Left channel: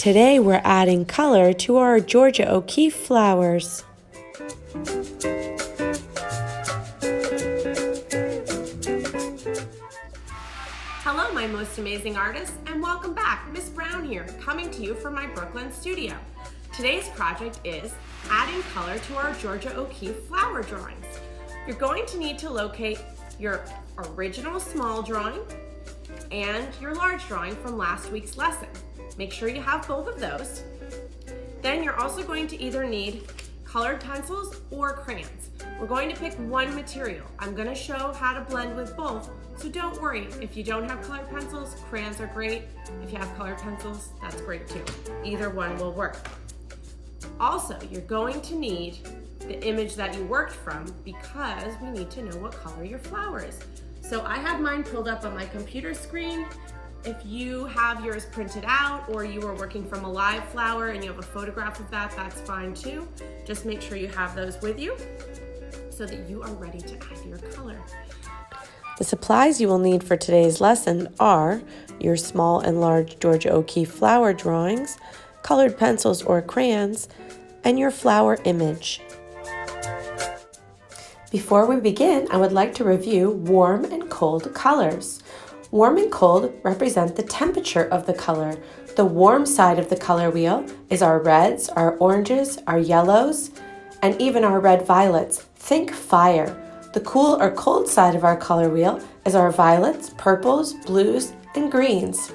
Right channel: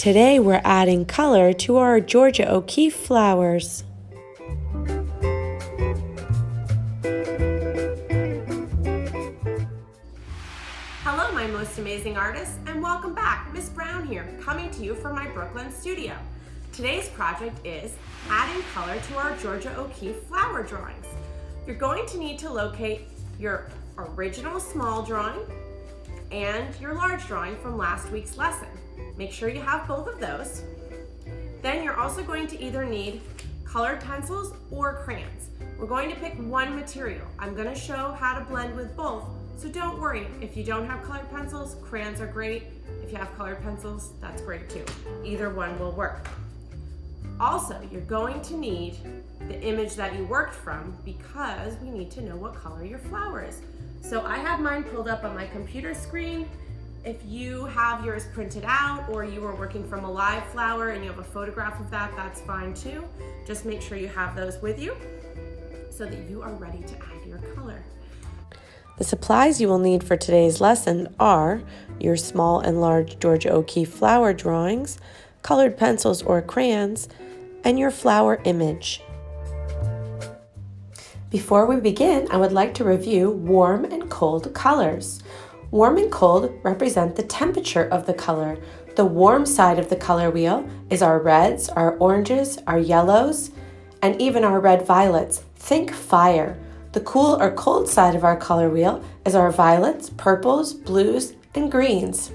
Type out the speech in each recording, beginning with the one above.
Today we're adding color to our Georgia O'Keeffe flowers. Hello, my most amazing artists, and welcome back. Miss Brown here, coming to you from my Brooklyn studio. Today's project is adding color to our Georgia O'Keeffe flower drawings. You're going to need to locate your original small drawing and your large drawing from last week's lesson. Make sure you have both of those. Then you're also going to either need colored pencils or crayons. We're going to pick one material. I'm going to show how to blend with both, so don't worry. If you don't have colored pencils, crayons are great. If you have colored pencils, that's great too. Either one will work. Also, you're going to need the image that you worked from because we need to know what color your flower is. So I have mine pulled up on my computer screen. If you have yours printed out or you are working from a live flower and you have a photograph of that, that's fine too. Just make sure you have those with you so that you are ready to add your color. The supplies you will need for today's lesson are your small and large Georgia O'Keeffe flower drawings, colored pencils or crayons, and your flower image. Before we begin, I would like to review warm and cold colors. Warm and cold represent the temperature of the color. The warm side of the color wheel is our reds, our oranges, our yellows, and even our red violets. Think fire. The cool or cold side of our color wheel is our violets, purples, blues, and greens.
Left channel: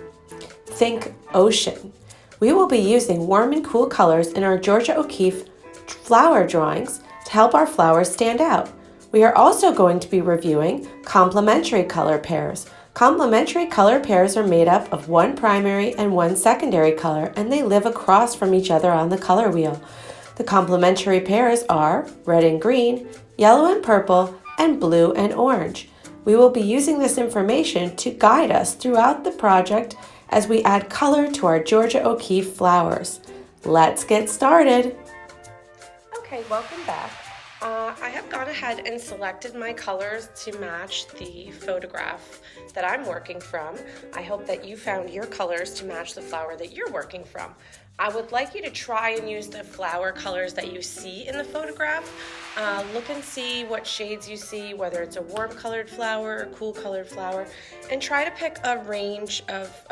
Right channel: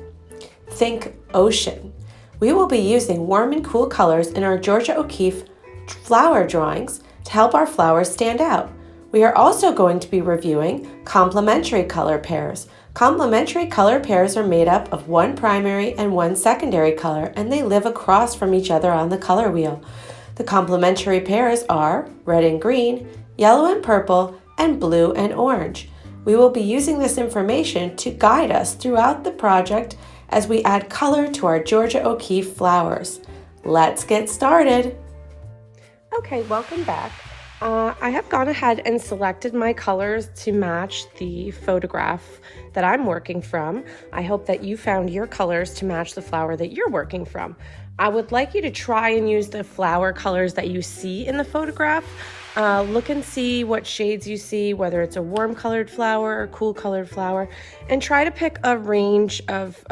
Think ocean. We will be using warm and cool colors in our Georgia O'Keeffe flower drawings to help our flowers stand out. We are also going to be reviewing complementary color pairs. Complementary color pairs are made up of one primary and one secondary color, and they live across from each other on the color wheel. The complementary pairs are red and green, yellow and purple, and blue and orange. We will be using this information to guide us throughout the project as we add color to our Georgia O'Keeffe flowers. Let's get started. Okay, welcome back. I have gone ahead and selected my colors to match the photograph that I'm working from. I hope that you found your colors to match the flower that you're working from. I would like you to try and use the flower colors that you see in the photograph. Look and see what shades you see, whether it's a warm colored flower or cool colored flower, and try to pick a range of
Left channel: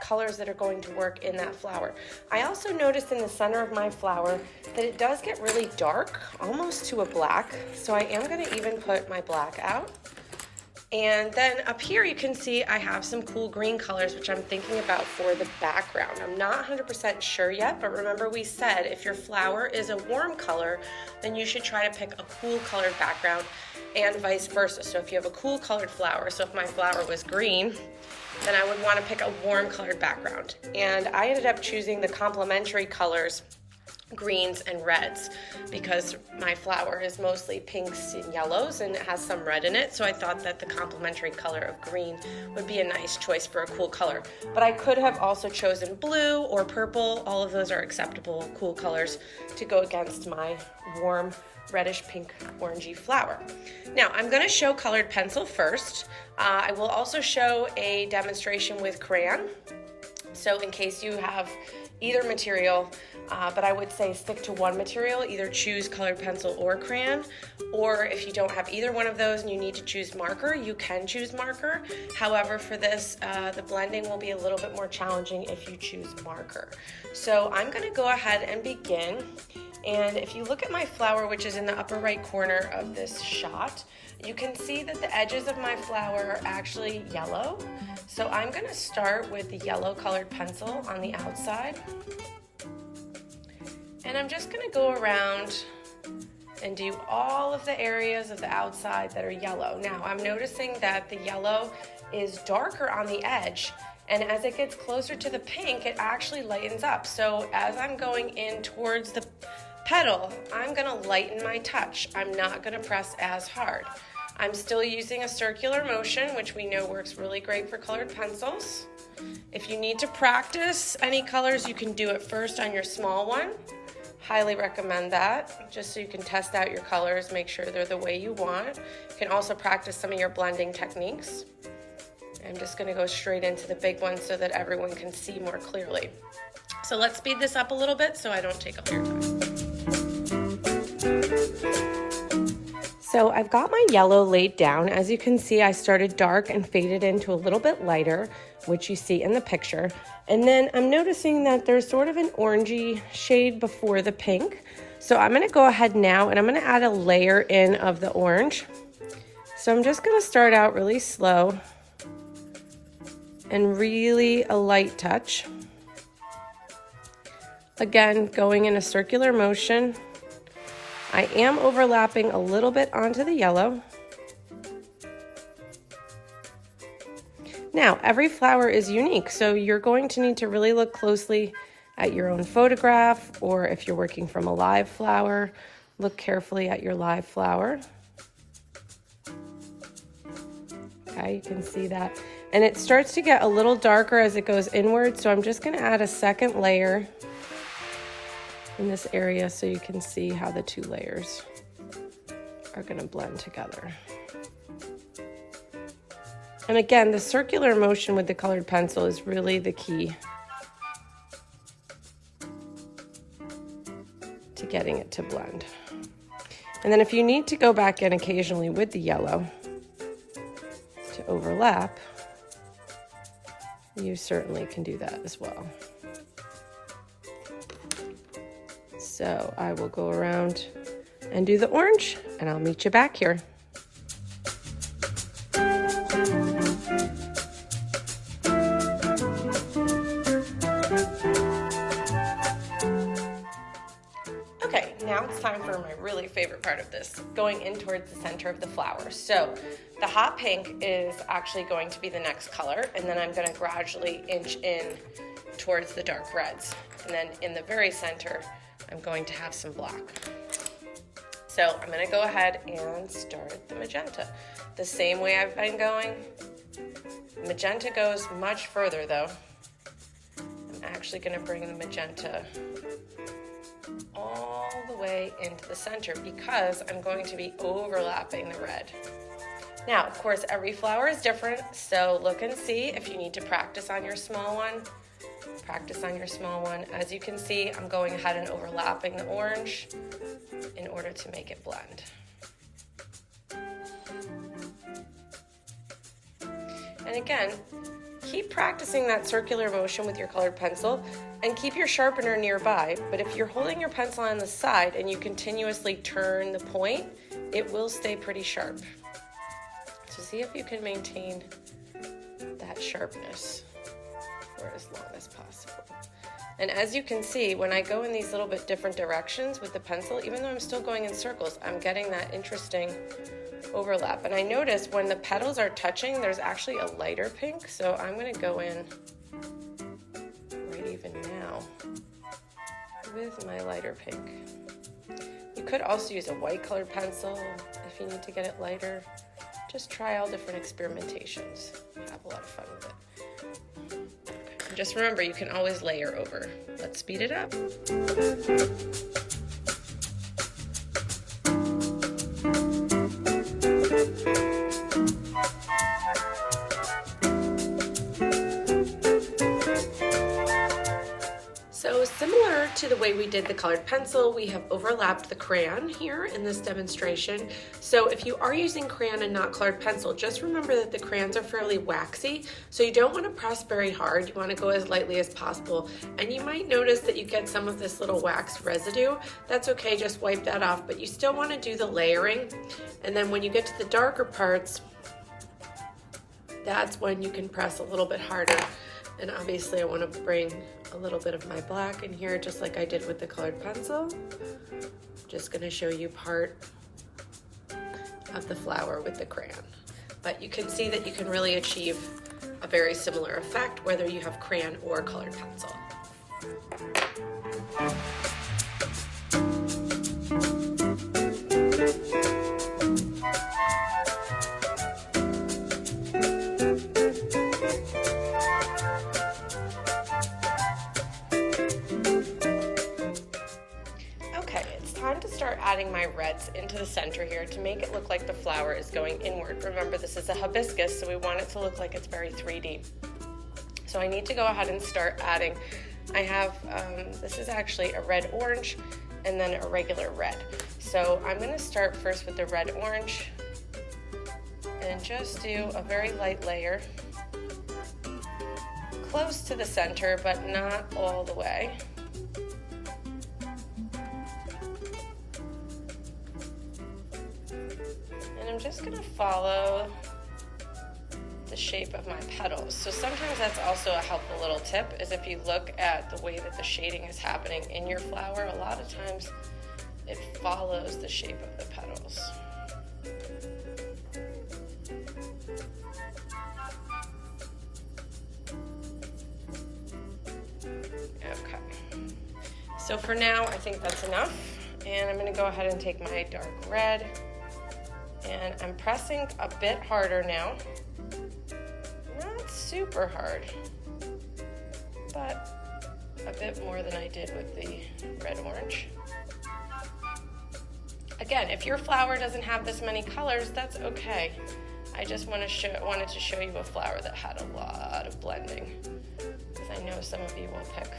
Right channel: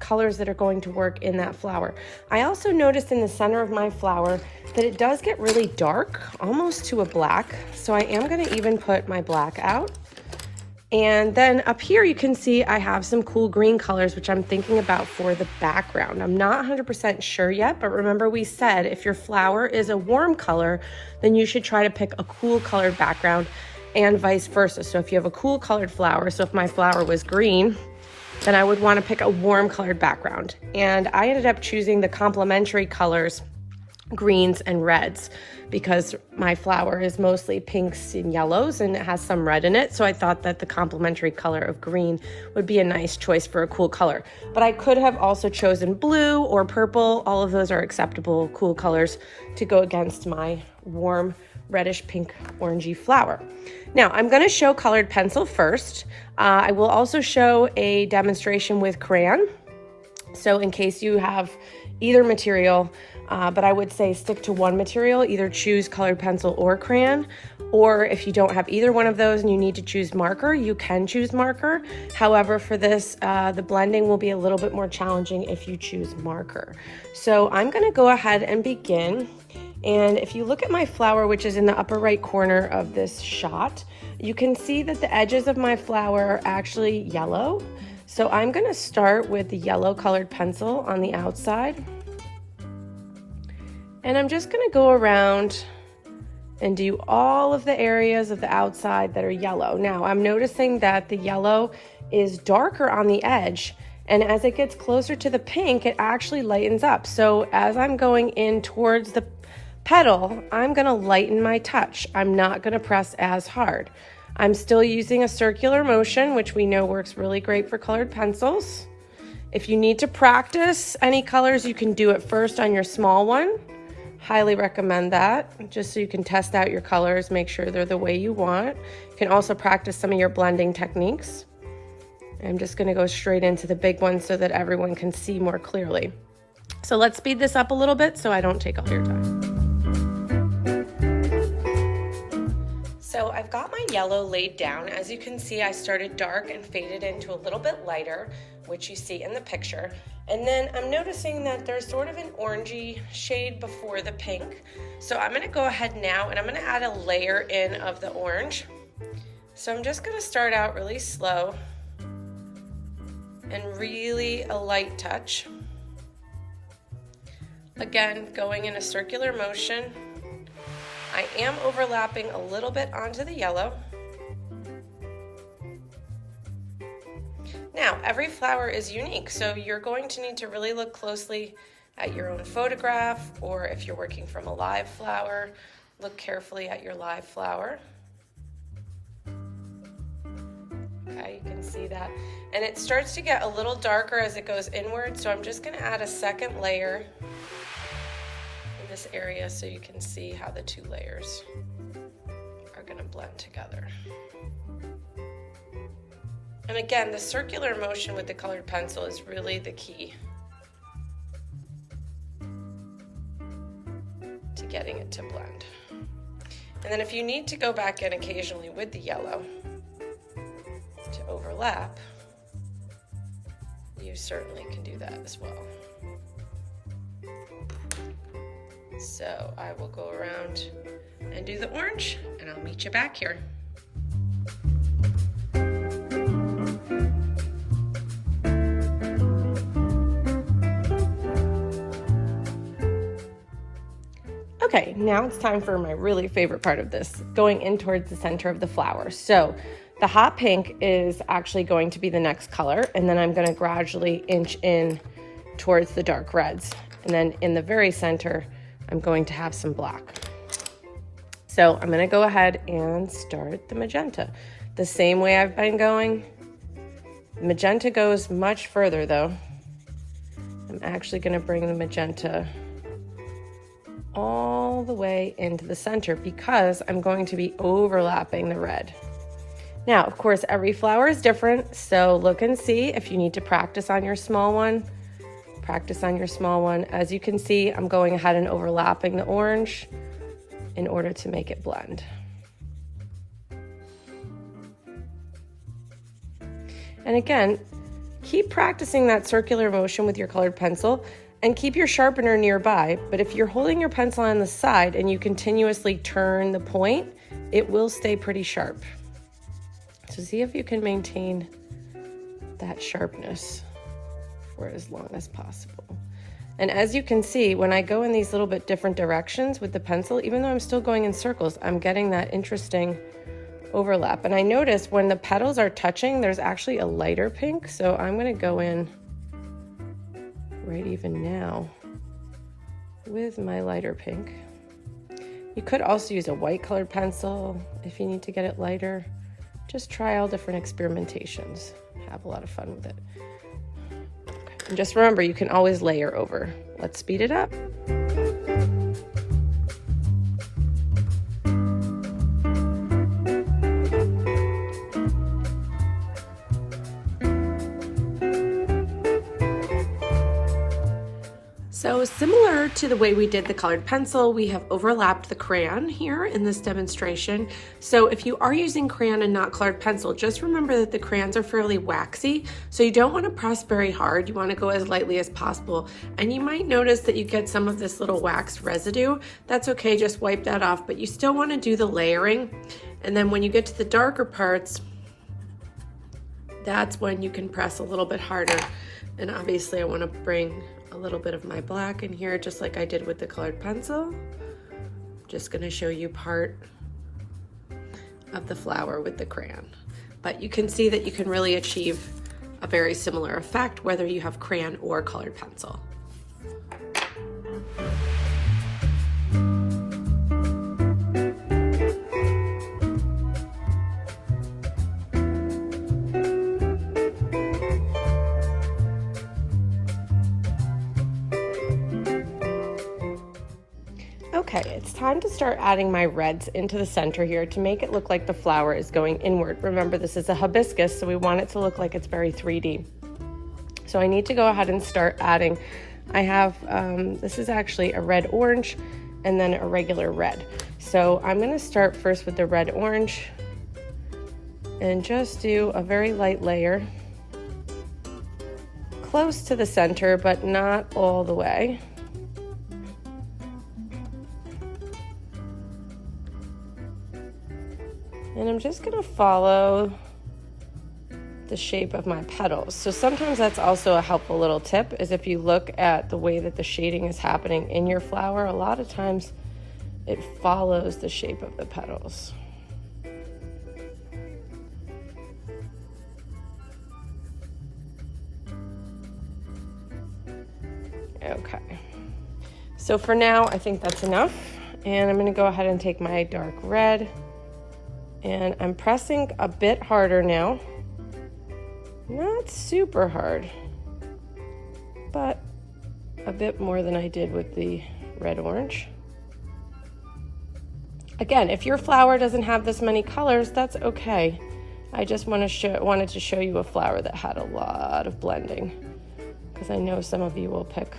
colors that are going to work in that flower. I also noticed in the center of my flower that it does get really dark, almost to a black, so I am going to even put my black out. And then up here you can see I have some cool green colors, which I'm thinking about for the background. I'm not 100% sure yet, but remember we said if your flower is a warm color, then you should try to pick a cool colored background and vice versa. So if you have a cool colored flower, so if my flower was green, then I would want to pick a warm colored background. And I ended up choosing the complementary colors, greens and reds, because my flower is mostly pinks and yellows and it has some red in it. So I thought that the complementary color of green would be a nice choice for a cool color. But I could have also chosen blue or purple. All of those are acceptable cool colors to go against my warm reddish pink orangey flower. Now I'm gonna show colored pencil first. I will also show a demonstration with crayon. So in case you have either material, but I would say stick to one material, either choose colored pencil or crayon, or if you don't have either one of those and you need to choose marker, you can choose marker. However, for this, the blending will be a little bit more challenging if you choose marker. So I'm gonna go ahead and begin. And if you look at my flower, which is in the upper right corner of this shot, you can see that the edges of my flower are actually yellow. So I'm gonna start with the yellow colored pencil on the outside. And I'm just gonna go around and do all of the areas of the outside that are yellow. Now, I'm noticing that the yellow is darker on the edge, and as it gets closer to the pink, it actually lightens up. So as I'm going in towards the petal, I'm gonna lighten my touch. I'm not gonna press as hard. I'm still using a circular motion, which we know works really great for colored pencils. If you need to practice any colors, you can do it first on your small one. Highly recommend that, just so you can test out your colors, make sure they're the way you want. You can also practice some of your blending techniques. I'm just gonna go straight into the big one so that everyone can see more clearly. So let's speed this up a little bit so I don't take all your time. So I've got my yellow laid down. As you can see, I started dark and faded into a little bit lighter, which you see in the picture. And then I'm noticing that there's sort of an orangey shade before the pink. So I'm gonna go ahead now and I'm gonna add a layer in of the orange. So I'm just gonna start out really slow and really a light touch. Again, going in a circular motion. I am overlapping a little bit onto the yellow. Now, every flower is unique, so you're going to need to really look closely at your own photograph, or if you're working from a live flower, look carefully at your live flower. Okay, you can see that. And it starts to get a little darker as it goes inward, so I'm just gonna add a second layer in this area so you can see how the two layers are going to blend together. And again, the circular motion with the colored pencil is really the key to getting it to blend. And then if you need to go back in occasionally with the yellow to overlap, you certainly can do that as well. So I will go around and do the orange, and I'll meet you back here. Okay, now it's time for my really favorite part of this, going in towards the center of the flower. So the hot pink is actually going to be the next color, and then I'm gonna gradually inch in towards the dark reds. And then in the very center, I'm going to have some black. So I'm gonna go ahead and start the magenta. The same way I've been going. Magenta goes much further though. I'm actually gonna bring the magenta all the way into the center because I'm going to be overlapping the red. Now, of course, every flower is different, so look and see if you need to practice on your small one. Practice on your small one. As you can see, I'm going ahead and overlapping the orange in order to make it blend. And again, keep practicing that circular motion with your colored pencil and keep your sharpener nearby. But if you're holding your pencil on the side and you continuously turn the point, it will stay pretty sharp. So see if you can maintain that sharpness for as long as possible. And as you can see, when I go in these little bit different directions with the pencil, even though I'm still going in circles, I'm getting that interesting overlap. And I notice when the petals are touching, there's actually a lighter pink. So I'm gonna go in right even now with my lighter pink. You could also use a white colored pencil if you need to get it lighter. Just try all different experimentations. Have a lot of fun with it. And just remember, you can always layer over. Let's speed it up. So similar to the way we did the colored pencil, we have overlapped the crayon here in this demonstration. So if you are using crayon and not colored pencil, just remember that the crayons are fairly waxy, so you don't want to press very hard. You want to go as lightly as possible. And you might notice that you get some of this little wax residue. That's okay, just wipe that off, but you still want to do the layering. And then when you get to the darker parts, that's when you can press a little bit harder. And obviously I want to bring a little bit of my black in here, just like I did with the colored pencil. Just going to show you part of the flower with the crayon. But you can see that you can really achieve a very similar effect whether you have crayon or colored pencil. Okay, it's time to start adding my reds into the center here to make it look like the flower is going inward. Remember, this is a hibiscus, so we want it to look like it's very 3D. So I need to go ahead and start adding I have, this is actually a red orange and then a regular red. So I'm gonna start first with the red orange and just do a very light layer close to the center, but not all the way. And I'm just gonna follow the shape of my petals. So sometimes that's also a helpful little tip, is if you look at the way that the shading is happening in your flower, a lot of times it follows the shape of the petals. Okay, so for now I think that's enough, and I'm gonna go ahead and take my dark red, and I'm pressing a bit harder now. Not super hard, but a bit more than I did with the red orange. Again, if your flower doesn't have this many colors, that's okay. I just wanted to show you a flower that had a lot of blending, because I know some of you will pick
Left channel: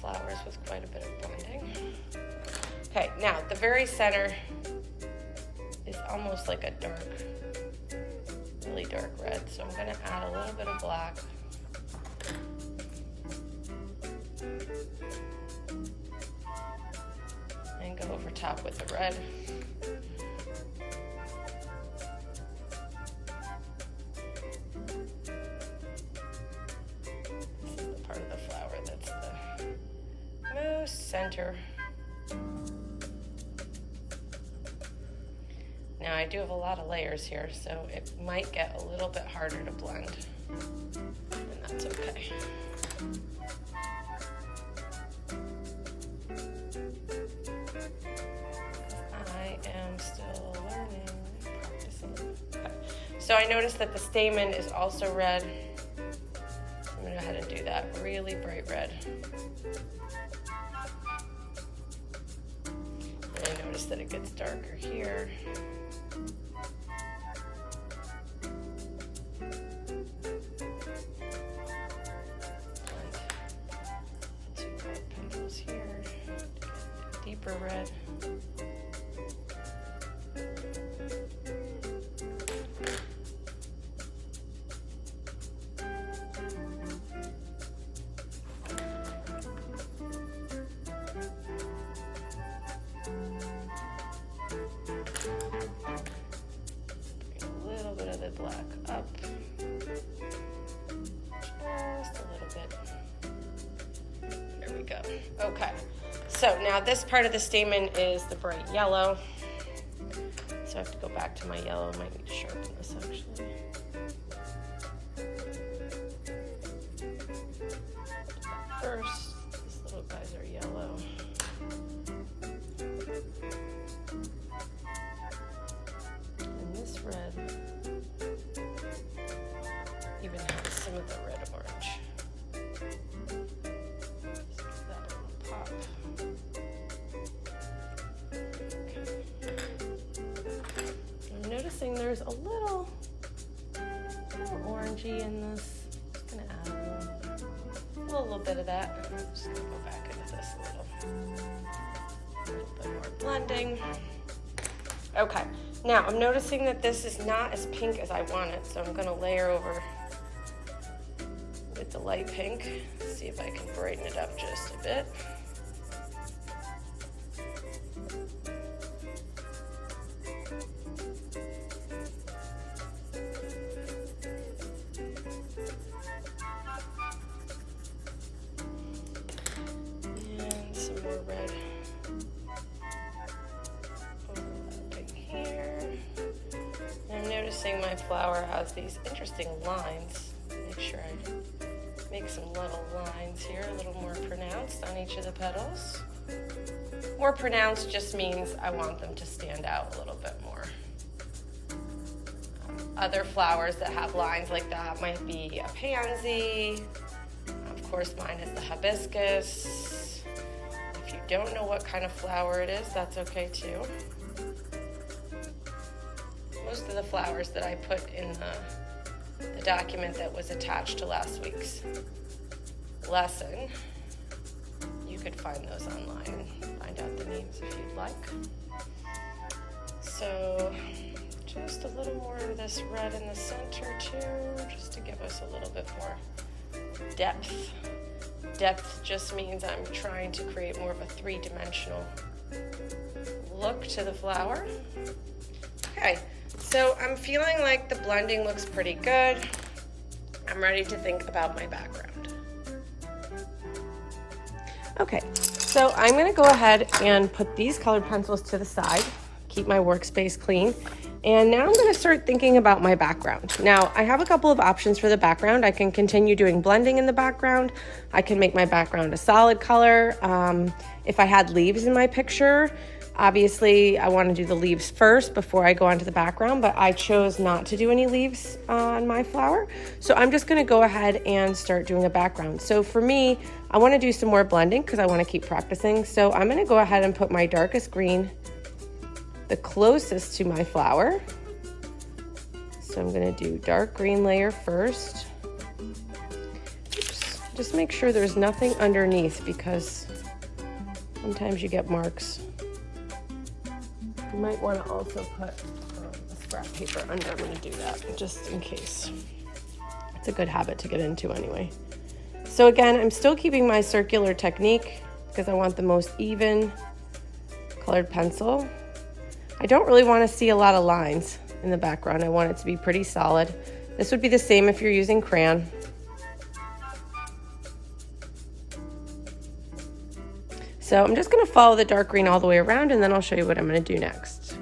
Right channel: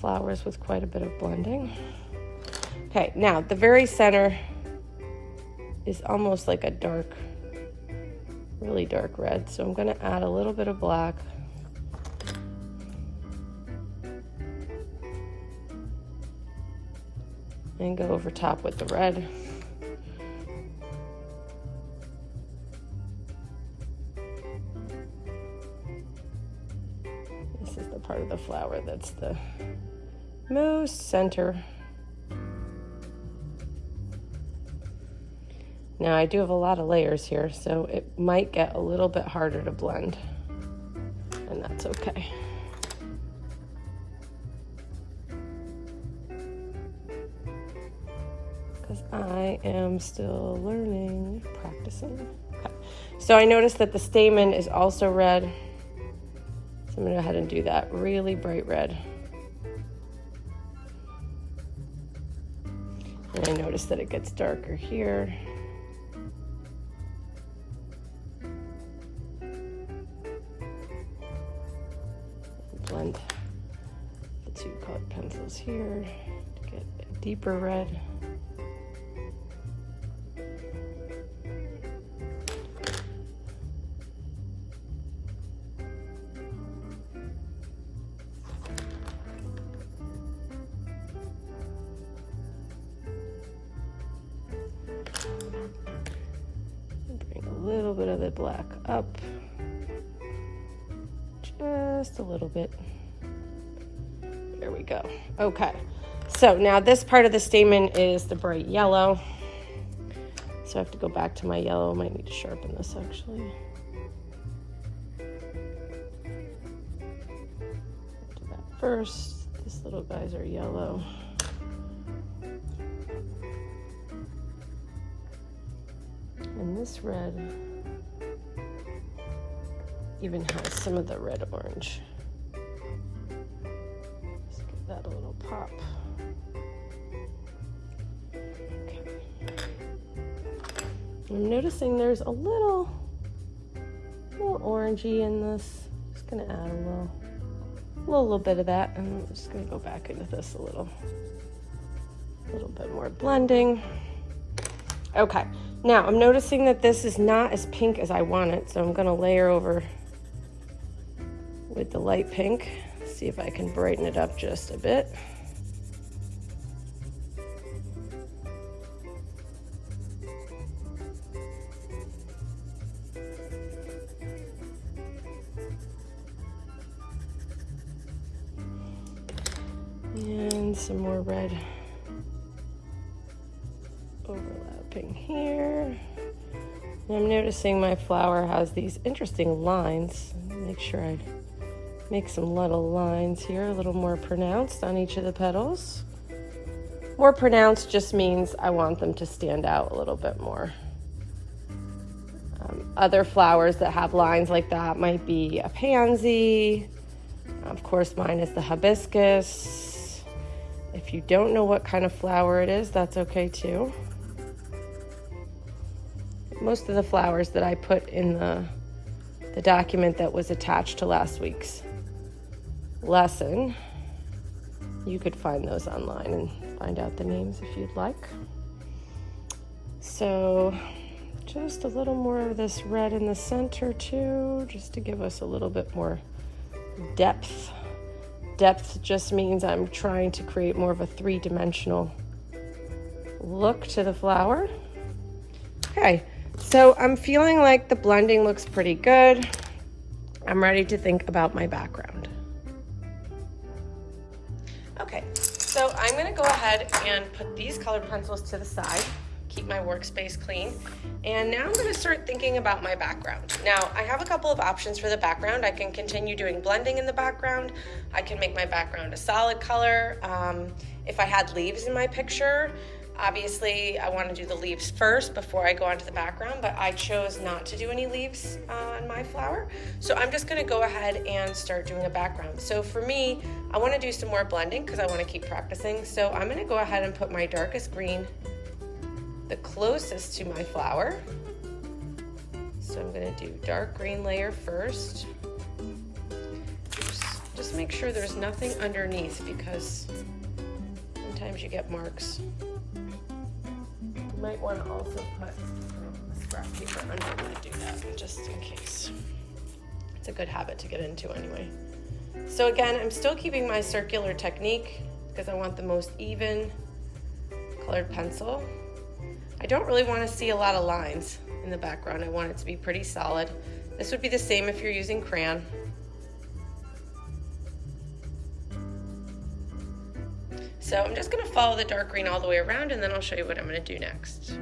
flowers with quite a bit of blending. Okay, now the very center is almost like a dark, really dark red, so I'm gonna add a little bit of black. And go over top with the red. This is the part of the flower that's the most center. Now I do have a lot of layers here, so it might get a little bit harder to blend, and that's okay. Because I am still learning, practicing. Okay. So I noticed that the stamen is also red. So I'm gonna go ahead and do that really bright red. And I noticed that it gets darker here. Blend the two colored pencils here, get a deeper red. Bring a little bit of the black up. Just a little bit. There we go. Okay, so now this part of the stamen is the bright yellow. So I have to go back to my yellow. I might need to sharpen this actually. First, these little guys are yellow. And this red even has some of the red orange. Just give that a little pop. Okay. I'm noticing there's a little more orangey in this. Just gonna add a little bit of that, and I'm just gonna go back into this a little bit more blending. Okay, now I'm noticing that this is not as pink as I want it, so I'm gonna layer over with the light pink, see if I can brighten it up just a bit. And some more red overlapping here. And I'm noticing my flower has these interesting lines. Make sure I make some little lines here, a little more pronounced on each of the petals. More pronounced just means I want them to stand out a little bit more. Other flowers that have lines like that might be a pansy. Of course, mine is the hibiscus. If you don't know what kind of flower it is, that's okay too. Most of the flowers that I put in the document that was attached to last week's lesson. You could find those online and find out the names if you'd like. So just a little more of this red in the center too, just to give us a little bit more depth. Depth just means I'm trying to create more of a three-dimensional look to the flower. Okay, so I'm feeling like the blending looks pretty good. I'm ready to think about my background. Okay, so I'm gonna go ahead and put these colored pencils to the side, keep my workspace clean, and now I'm gonna start thinking about my background. Now, I have a couple of options for the background. I can continue doing blending in the background. I can make my background a solid color. If I had leaves in my picture, obviously I wanna do the leaves first before I go onto the background, but I chose not to do any leaves on my flower. So I'm just gonna go ahead and start doing a background. So for me, I wanna do some more blending because I wanna keep practicing. So I'm gonna go ahead and put my darkest green the closest to my flower. So I'm gonna do dark green layer first. Just make sure there's nothing underneath because sometimes you get marks. You might want to also put scrap paper under when you do that, just in case. It's a good habit to get into anyway. So again, I'm still keeping my circular technique because I want the most even colored pencil. I don't really want to see a lot of lines in the background. I want it to be pretty solid. This would be the same if you're using crayon. So I'm just going to follow the dark green all the way around, and then I'll show you what I'm going to do next.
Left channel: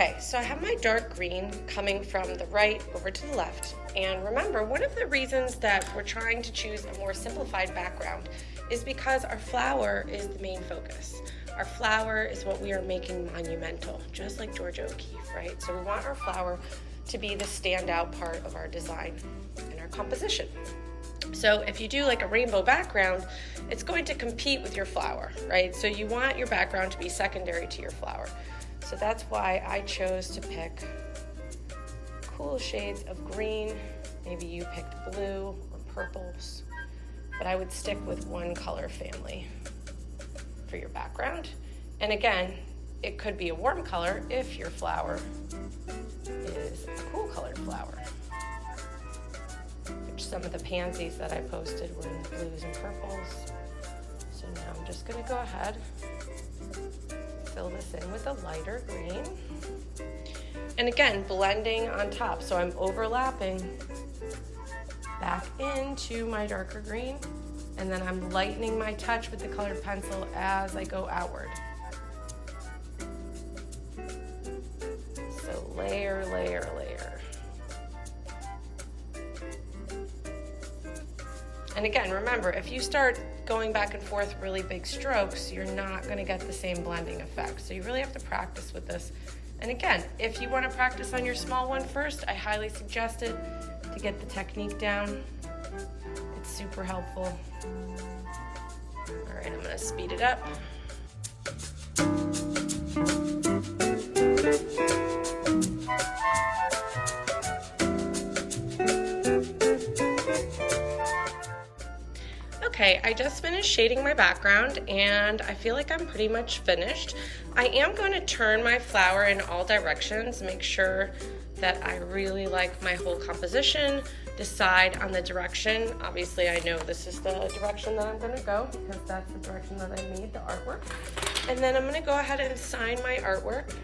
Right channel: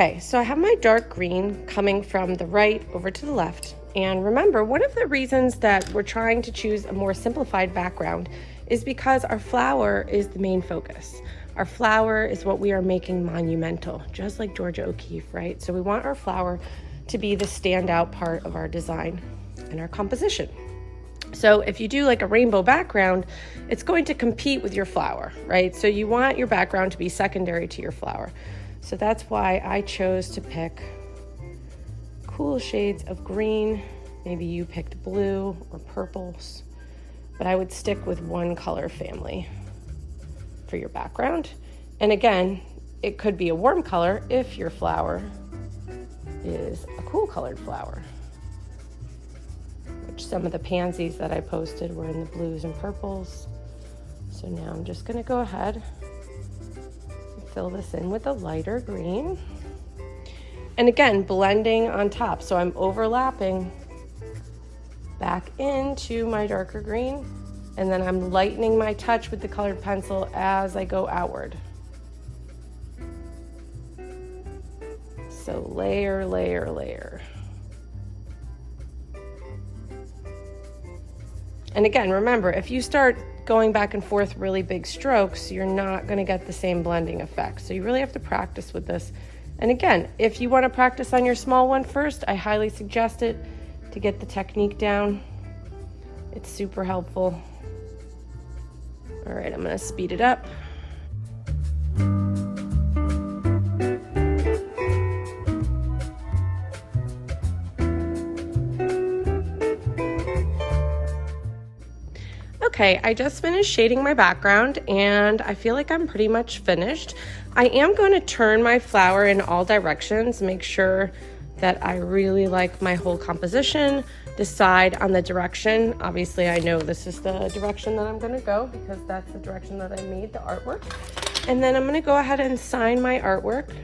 Okay, so I have my dark green coming from the right over to the left. And remember, one of the reasons that we're trying to choose a more simplified background is because our flower is the main focus. Our flower is what we are making monumental, just like Georgia O'Keeffe, right? So we want our flower to be the standout part of our design and our composition. So if you do like a rainbow background, it's going to compete with your flower, right? So you want your background to be secondary to your flower. So that's why I chose to pick cool shades of green. Maybe you picked blue or purples, but I would stick with one color family for your background. And again, it could be a warm color if your flower is a cool colored flower. Which some of the pansies that I posted were in the blues and purples. So now I'm just gonna go ahead fill this in with a lighter green. And again, blending on top. So I'm overlapping back into my darker green, and then I'm lightening my touch with the colored pencil as I go outward. So layer, layer, layer. And again, remember, if you start going back and forth really big strokes, you're not going to get the same blending effect. So you really have to practice with this. And again, if you want to practice on your small one first, I highly suggest it to get the technique down. It's super helpful. All right, I'm going to speed it up. Okay, I just finished shading my background and I feel like I'm pretty much finished. I am going to turn my flower in all directions, make sure that I really like my whole composition, decide on the direction. Obviously, I know this is the direction that I'm going to go because that's the direction that I made the artwork. And then I'm going to go ahead and sign my artwork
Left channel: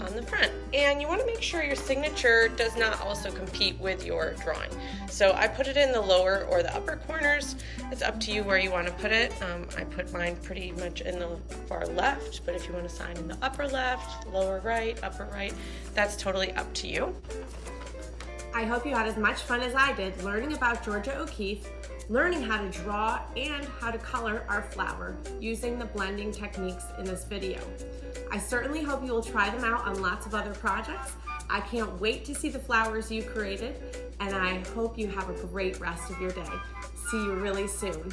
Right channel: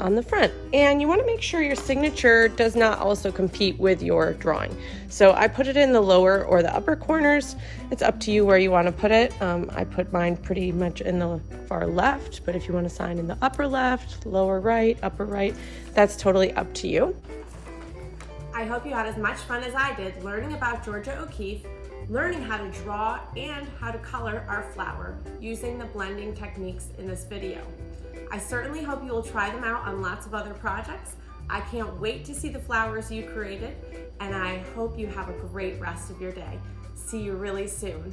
on the front. And you want to make sure your signature does not also compete with your drawing. So I put it in the lower or the upper corners. It's up to you where you want to put it. I put mine pretty much in the far left, but if you want to sign in the upper left, lower right, upper right, that's totally up to you. I hope you had as much fun as I did learning about Georgia O'Keeffe, learning how to draw and how to color our flower using the blending techniques in this video. I certainly hope you will try them out on lots of other projects. I can't wait to see the flowers you created, and I hope you have a great rest of your day. See you really soon.